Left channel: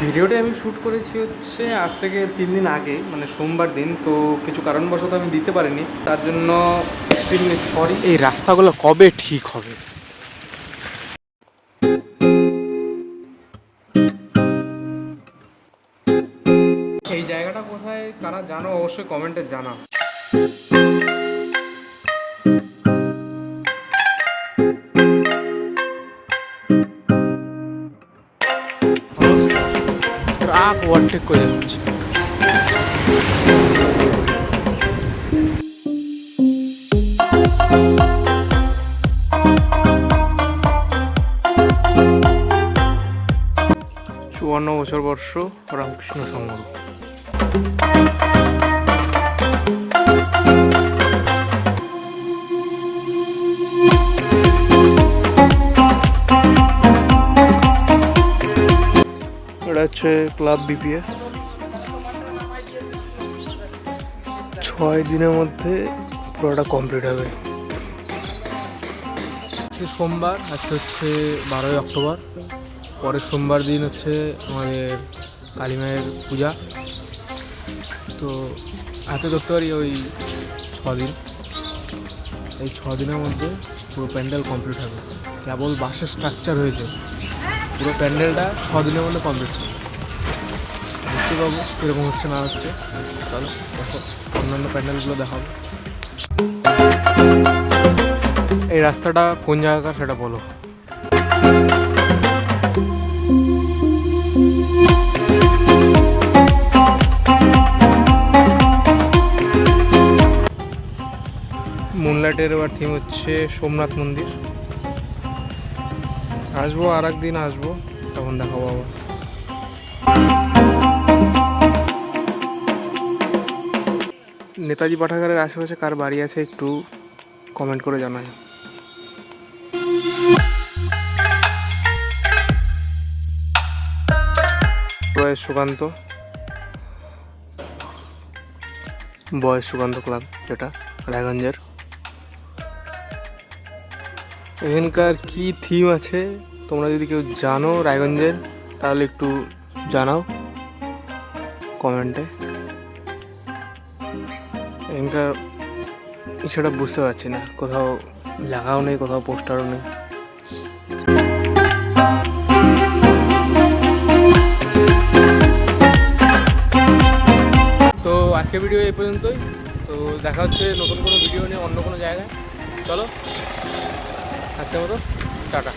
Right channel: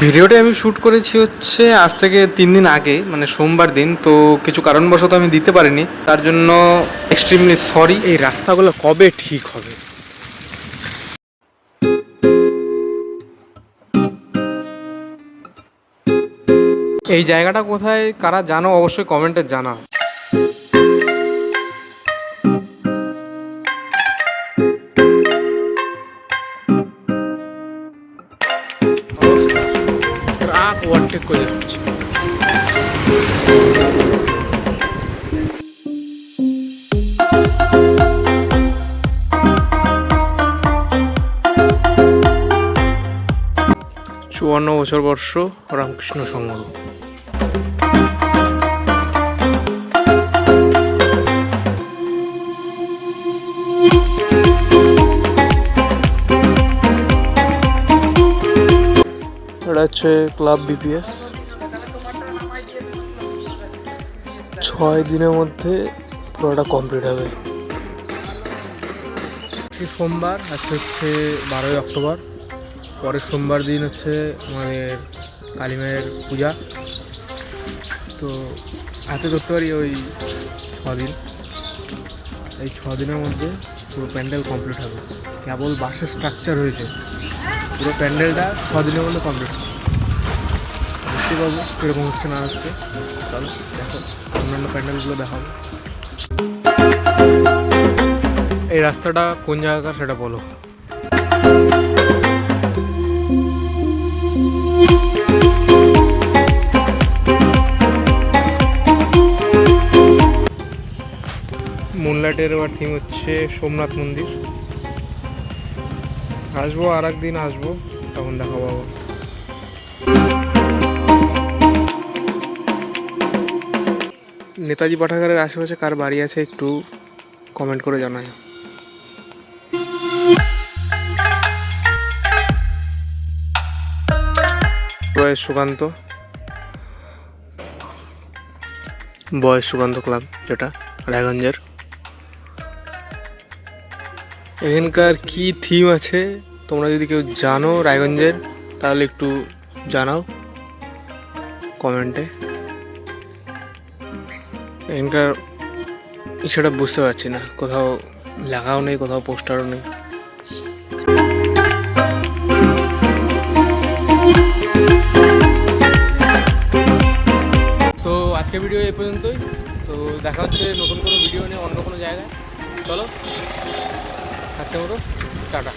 ভিডিওটা আমি শ্যুট করেছি হচ্ছে আজ থেকে 3 দিন আগে, মানে সোমবার দিন। তো কিছু কারণবশত আমি দিতে পারিনি, তার জন্য এক্সট্রিমলি সরি। এই রাস্তাগুলো কবে ঠিক হবে? এই জায়গাটা কোথায় কারা জানো অবশ্যই কমেন্টে জানা। ট্রাক ওভারটেক করে যাচ্ছে। চুয়ান্ন বছর বর্ষ রামকৃষ্ণ সংঘ। এটা হচ্ছে ক্লাব বিপিএস। 6 দিনের মধ্যে পুরোটা কমপ্লিট হবে। আজকে সোমবার, আজকে হচ্ছে 12ই অক্টোবর। পরের সোমবার দিন হচ্ছে আমাদের কালী মায়ের পূজা। তো হাতে ধরতে পারি ওই 6 দিন। এই 6 দিনের মধ্যে পুরো প্যান্ডেল কমপ্লিট হবে। কেবল বাসের স্ট্রাকচার হয়েছে, পুরো প্যান্ডেলটা 6 দিনের মধ্যে কমপ্লিট হবে। দেখতে পাবো কীরকম হচ্ছে না হচ্ছে। চলো দেখো, অন্যান্য প্যান্ডেলগুলো দেখাবো। এই রাস্তাটা কোন জায়গাকার সেটা বলো। মুনলাইটের এবার থিম হচ্ছে সোমনাথ মন্দির। আসবো আর একদিন আসবো, তখন দেখাবো আবার। নেতাজি পাঠাগারের আশেপাশে কার বাড়ি আছে একটু কমেন্ট করে জানায়। বয়স সুকান্ত ক্লাব, যেটা রায়গঞ্জের। এখানকার কি থিম আছে তোমরা যদি কেউ জানো রায়গঞ্জের, তাহলে একটু জানাও কমেন্টে। এখানকার সেটা বুঝতে পারছি না, কোথাও লেখাও নেই, কোথাও পোস্টারও নেই। তো আজকে ভিডিও এই পর্যন্তই। তো দেখা হচ্ছে নতুন কোনো ভিডিও নিয়ে অন্য কোনো জায়গায়। চলো আজকের মতো টাটা।